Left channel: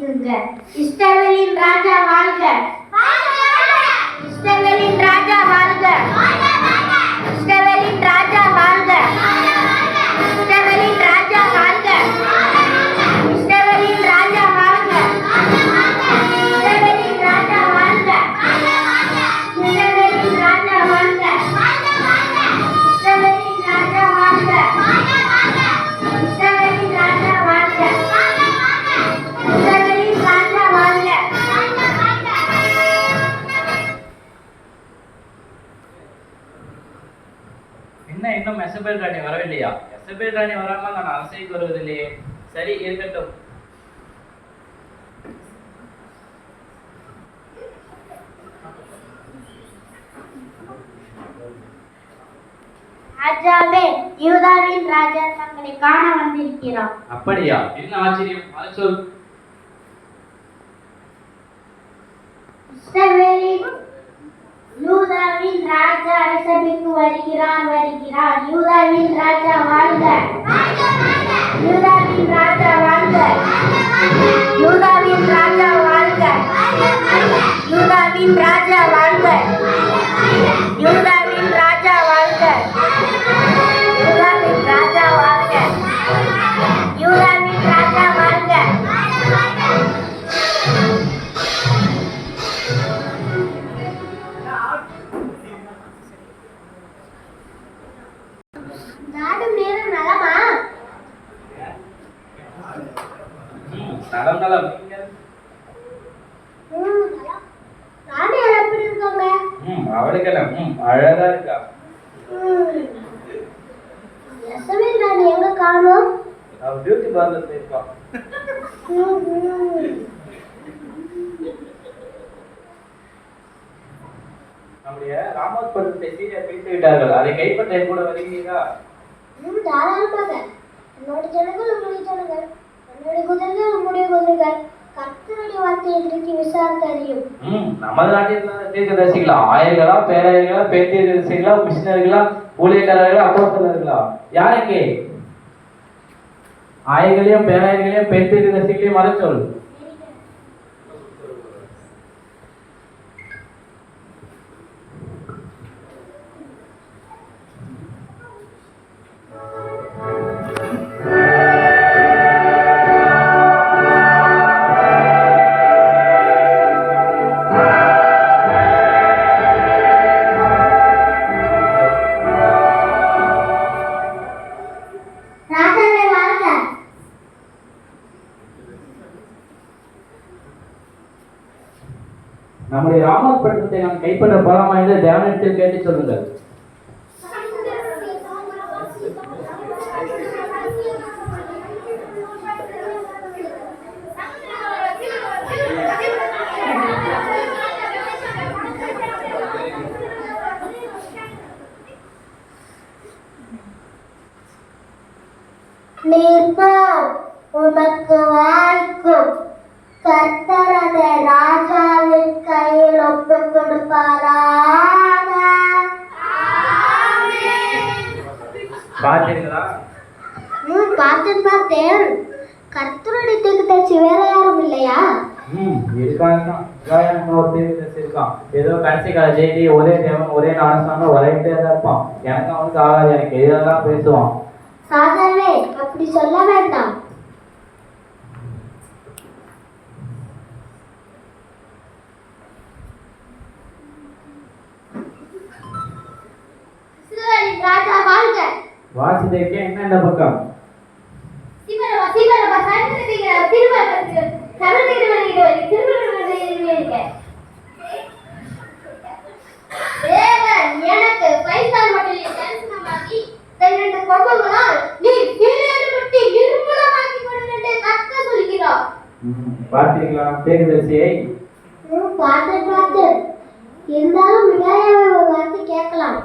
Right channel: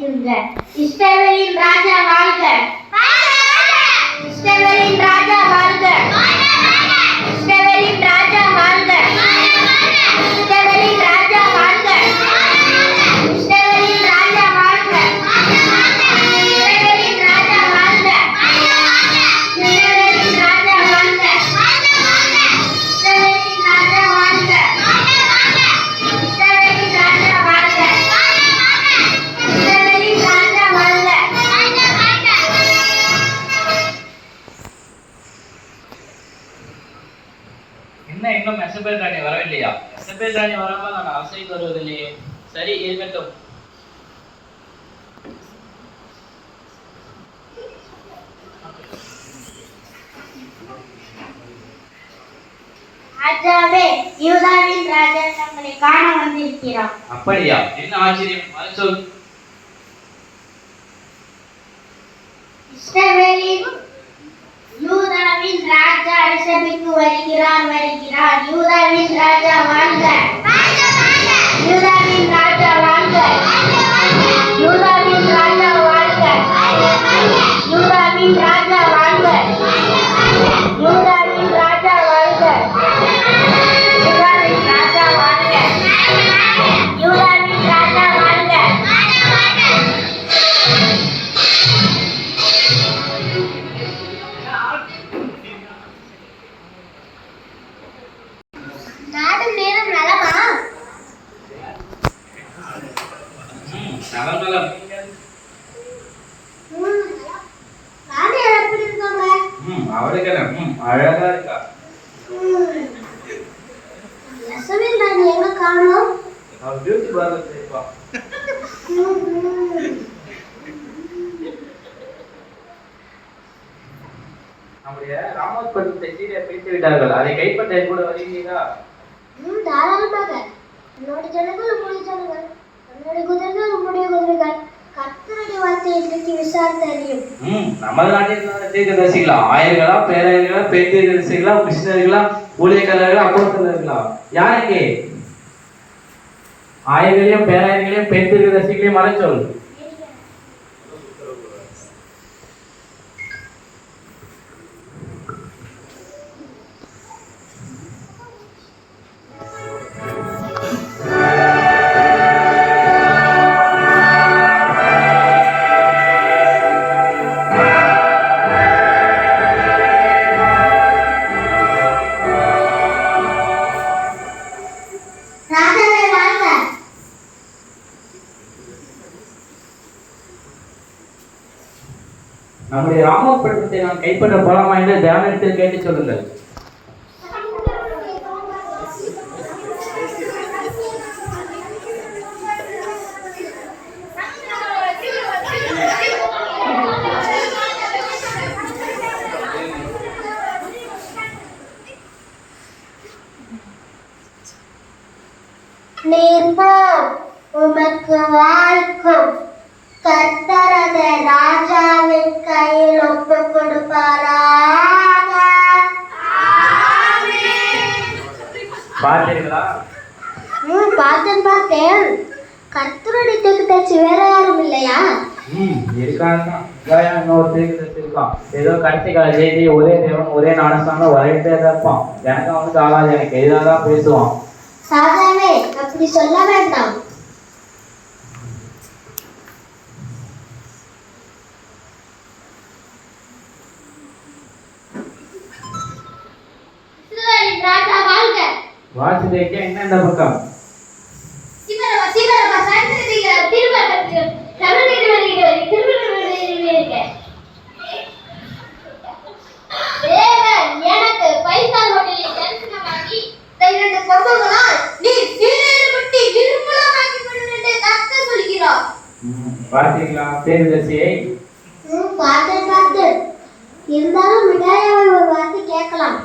வணங்கிடுங்க. இஸ்ரவேலின் ராஜா வாழ்க! இஸ்ரவேலின் ராஜா வாழ்க! இஸ்ரவேலின் ராஜா வாழ்க! இஸ்ரவேலின் ராஜா வாழ்க! இஸ்ரவேலின் ராஜா வாழ்க! இஸ்ரவேலின் ராஜா வாழ்க! இஸ்ரவேலின் ராஜா வாழ்க! இஸ்ரவேலின் ராஜா வாழ்க! இஸ்ரவேலின் ராஜா வாழ்க! இஸ்ரவேலின் ராஜா வாழ்க! என்ன இன்னும் மெசபேல் ராணி வரவில்லையா? மெசபேல் ராணி வராமல் நான் அரசைக்கு வருவதில்லையே. சரி, இருக்கட்டும். ராஜாவே, யூதாவின் ராஜா தங்களை காண வந்திருக்கிறார். அப்படியா? என்ன ஆச்சரியம்? அது சொல். இஸ்ரவேலின் யூதாவின் ராஜா அரசவைக்கு வருகிறார். யூதாவின் ராஜா வாழ்க! யூதாவின் ராஜா வாழ்க! யூதாவின் ராஜா வாழ்க! யூதாவின் ராஜா வாழ்க! யூதாவின் ராஜா வாழ்க! யூதாவின் ராஜா வாழ்க! யூதாவின் ராஜா வாழ்க! நாடும் நேரம் நலமா? நலம் நலம். ராணி எப்படி இருக்காங்க? அவளுக்கு அழகா இருக்கா. யசோதேன் ராணி எங்க காணோம்? அவ பியூட்டி பார்லர் இருக்கா. நம்முடைய ராமோத்பவத்தை சீரை பிடித்து விட்டார்கள். அதை கைப்பற்ற கூட வருகிறீர்களா? தாராளமாக. என்னோட ஜனங்கள் உங்களுடைய ஜனங்கள், என்னுடைய குதிரைகள் உங்களுடைய குதிரைகள். கர்த்தருடைய வார்த்தையை இன்றைக்கு விசாரித்து அறியும். நமது நாட்டில் தீர்க்கதரிசிகளா? ஆயர்களா, பேராயர்களா, பெண் தீர்க்கதரிசிகளா, கிருஷ்ணர்களா, ஊழியக்காரர்களா, அப்போஸ்தலர்களா? யாருக்கு? ஆயர்களையும் பேராயர்களையும் பெண் தீர்க்கதரிசிகளையும் வர சொல். ராஜாவே வாழ்க! நம்முடைய ராமோத்பவத்தை நான் கைப்பற்ற போலாமா என்று தியானத்தில் கேட்டு சொல்லுங்கள். நீர் உமக்கு வாய்க்கும். கர்த்தரத ராஜாவின் கையில் ஒப்பு கொடுப்பாராக. பார்த்தீர்களா? பார்த்தேன். கர்த்தருடைய தீர்க்கதரிசி வேற யாரும் இல்லையா? இருக்காங்க. இருக்கான். ஏதோ கடைசி கால ஜெயதி ஒரே தேவன் ஒரே நாடகம் வரட்டே இருப்பான். எனக்கு அவனுக்கு ஆகாது. எனக்கு எதுதான் பேசுவான். ராஜாவே, அப்படி சொல்ல வேண்டாம். ராஜா வாழ்க! வாசுதேவ என்ன இந்த பக்கம்? எனக்கு 5-star ஹோட்டலில் தரிசனமாகி இரண்டு கொம்புகளால் நீ சீரேறுபட்டு இருமலமாக்கி விடும் என்று கர்த்தர் சொல்கிறார். பார்த்தீங்களா தீர்க்கதரிசியை? பார்த்தேன். இருந்தாலும் மிகாயாவை ஒரு வார்த்தை கேட்கலாம்.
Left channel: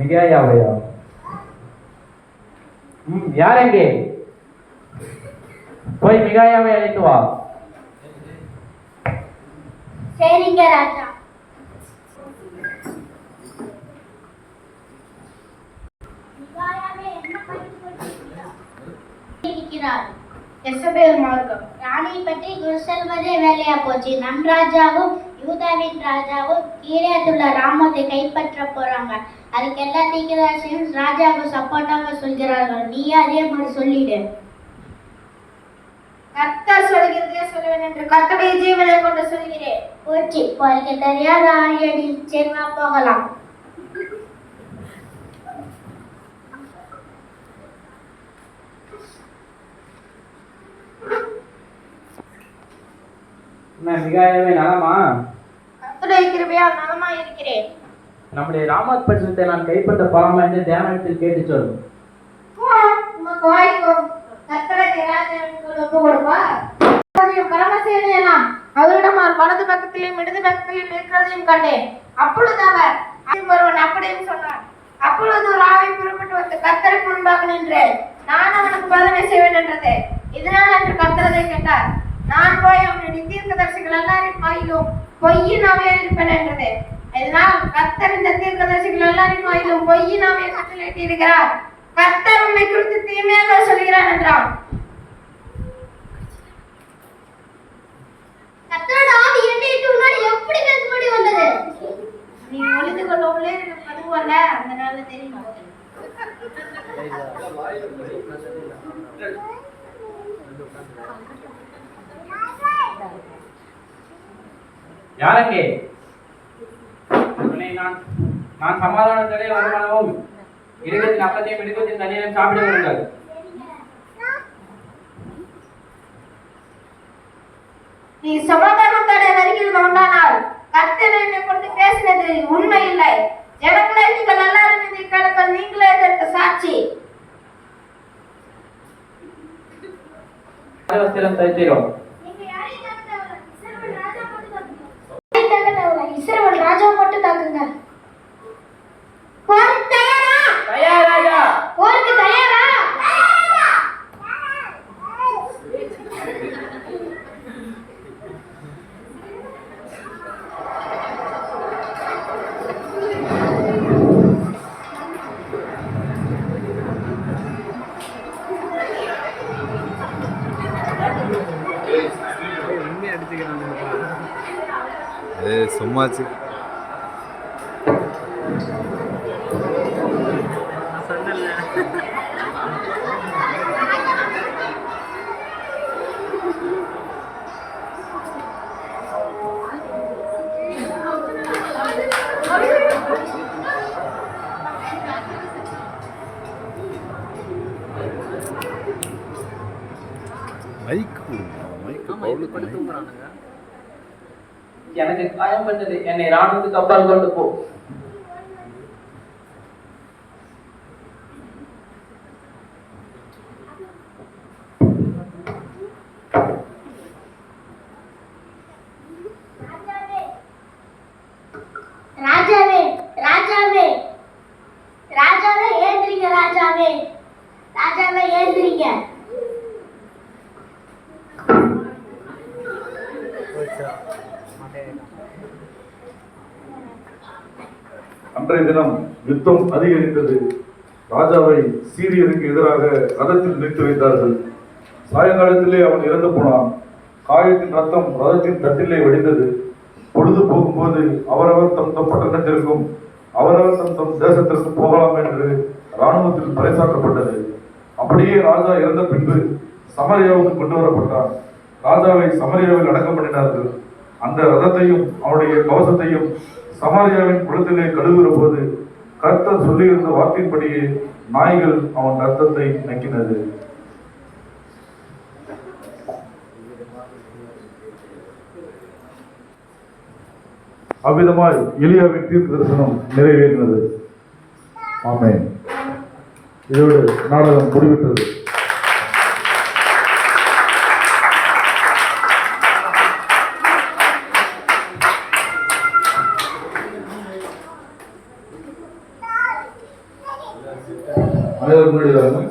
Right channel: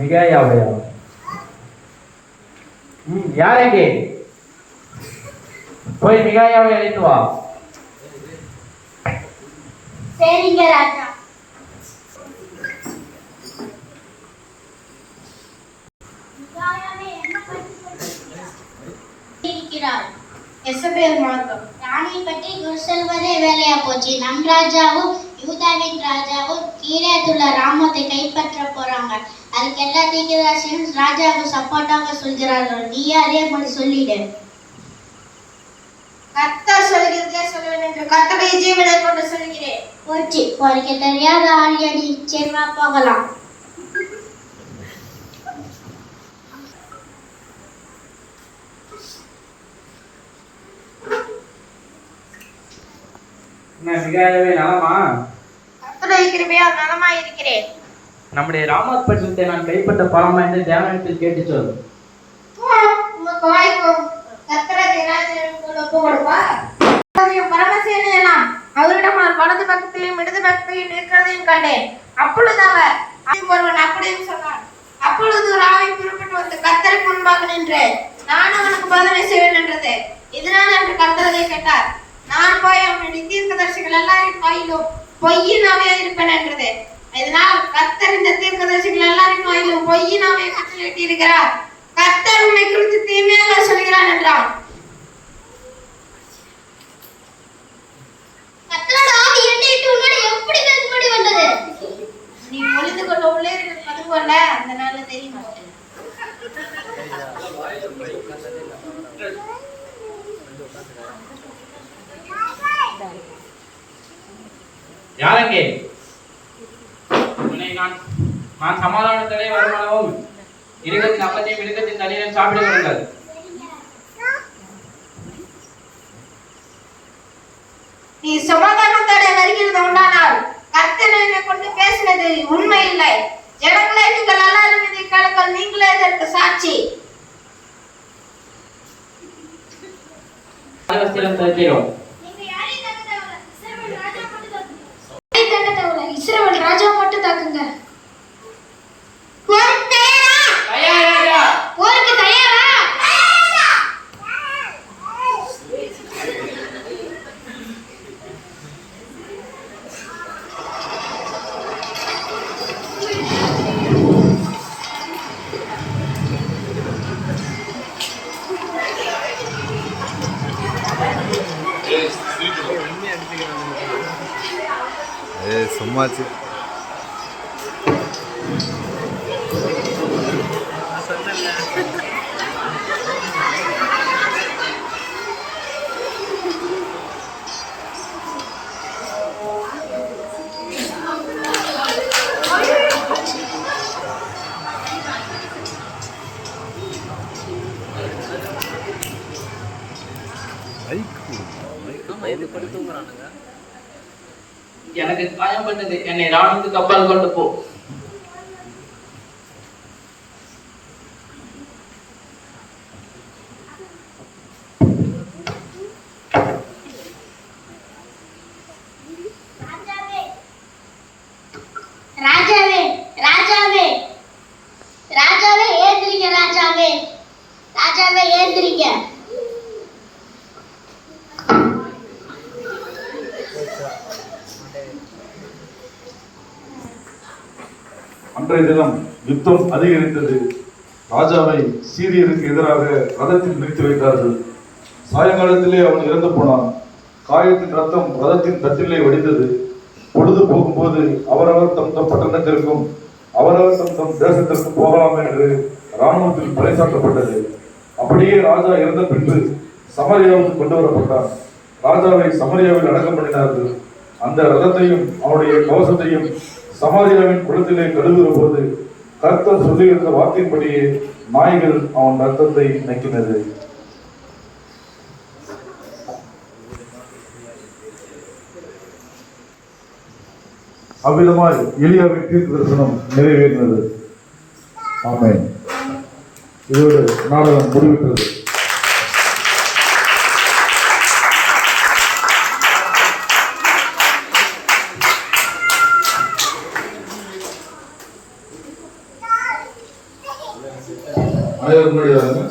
மிகாயாவையா? யாருக்கு? போய் மிகாயாவை அழைத்து வா. சரிங்க ராஜா. மிகாயாவே என்ன படிக்கிறார்? எசபேல் மார்க்கம். ராணி பற்றி குரு சொல்வதே வேலையா போச்சு. நம் ராஜாவும் யூதாவின் ராஜாவும் கீழேத்துள்ள ராமத்தை கைப்பற்ற போறாங்க. அதுக்கு எல்லா தீர்க்கதரிசியும் ராஜாவுக்கு சப்போர்ட்டாக சொல்கிறார்கள். நீயே அதே மாதிரி சொல்லிடு. கர்த்தர் சொல்கிறதே சொல்லுவேன் என்று கர்த்தருடைய ஜீவனை கொண்டு சொல்கிறேன். போச்சு, போறீங்க தெரியாத ஆழியடி. சரி வா போகலாம். என்ன மிகாயவே நலமா? கர்த்தருடைய கிருபையால் நலமாய் இருக்கிறேன். நம்முடைய ராமத் பட்டணத்தை நான் கைப்பற்ற போலாமா என்று தேவனிடத்தில் கேட்டு சொல். உனக்கு வாய்க்கும். கர்த்தரை ராஜனுக்கு ஒப்பு கொடுப்பா. பரமசேனை எல்லாம் அவரிடம் வலது பக்கத்திலும் இடது பக்கத்திலும் இருக்கிறதையும் கண்டேன். அப்பொழுது அவர் ஒருவன் அப்படியும் சொன்னான். அப்பொழுது ஒரு ஆவி புறப்பட்டு வந்து கர்த்தருக்கு முன்பாக நின்று நான் அவனுக்கு பதிலை செய்வேன் என்றது. இதனால் என்று கர்த்தரை கேட்டார். நான் போய் அவனுடைய தீர்க்கதரிசிகள் எல்லாரின் வாயிலும் பொய்யின் ஆவியா இருப்பேன் என்றது. இதனால் கர்த்தர் இந்த தீர்க்கதரிசிகள் எல்லாரின் வாயிலும் பொய்யின் ஆவியை கட்டளையிட்டு இருக்கிறார். கர்த்தர் உன்னை குறித்து தீமையாக சொல்கிறான் என்றான். கர்த்தரோட ஆவி என்னை விட்டு உன்னோட எப்படி பேசும்படி வந்தது? நீ ஒளிந்து கொள்ள உள்ளே அதுவல்ல, அந்த நாள்ல தெரியுமா? யாரங்கே நான் சமாதானத்திலே வருமானமும் இருக்கத்தின் அப்பத்தையும் இருக்கத்தின் தண்ணீரையும் சாப்பிட விடுங்கள். நீ சமாதானத்தோட வருகிறது உண்டானால் கர்த்தர் என்னை கொண்டு பேசினது உண்மை இல்லை. ஜனங்களே நீங்கள் எல்லாரும் இதை கேளுங்கள். நீங்களே இதற்கு சாட்சி. தருகிறோம். இஸ்ரவேல் ராஜா மட்டும் தாக்குங்க. போருக்கு தயாரா? தயார் ராஜா. போருக்கு தயாரா? சும்மாச்சு எனக்கு காயம் பண்ணது. என்னை ராணுவத்துக்கு கப்பல் கொண்டு போ. ராஜாவே, ராஜாவே, ராஜாவே ஏந்திரிங்க. ராஜாவே, ராஜாவே ஏந்திரிங்க. அன்றைய தினம் யுத்தம் அதிகரித்தது. ராஜாவை சீரியருக்கு எதிராக ரதத்தில் நிறுத்தி வைத்தார்கள். சாயங்காலத்திலே அவன் இறந்து போனான். காயத்தின் ரத்தம் ரதத்தின் தட்டிலே வடிந்தது. பொழுது போகும்போது அவரவர் தம் தம் பட்டணத்திற்கும் அவரவர் தம் தம் தேசத்திற்கும் போகலாம் என்று இராணுவத்தில் பறைசாற்றப்பட்டது. அப்படியே ராஜா இறந்த பின்பு சமரியாவுக்கு கொண்டு வரப்பட்டான். ராஜாவை சமரியாவில் அடக்கம் பண்ணினார்கள். அந்த ரதத்தையும் அவனுடைய கவசத்தையும் சமாரியாவின் குளத்திலே கழுவுகிற போது கர்த்தர் சொல்லியிருந்த வாக்கின்படியே நாய்கள் அவன் ரத்தத்தை நக்கினது. அவ்விதமாய் எலியாவின் தீர்க்க தரிசனம் நிறைவேறினது. ஆமென். இதோடு நாடகம் முடிவிட்டது. அனைவரும்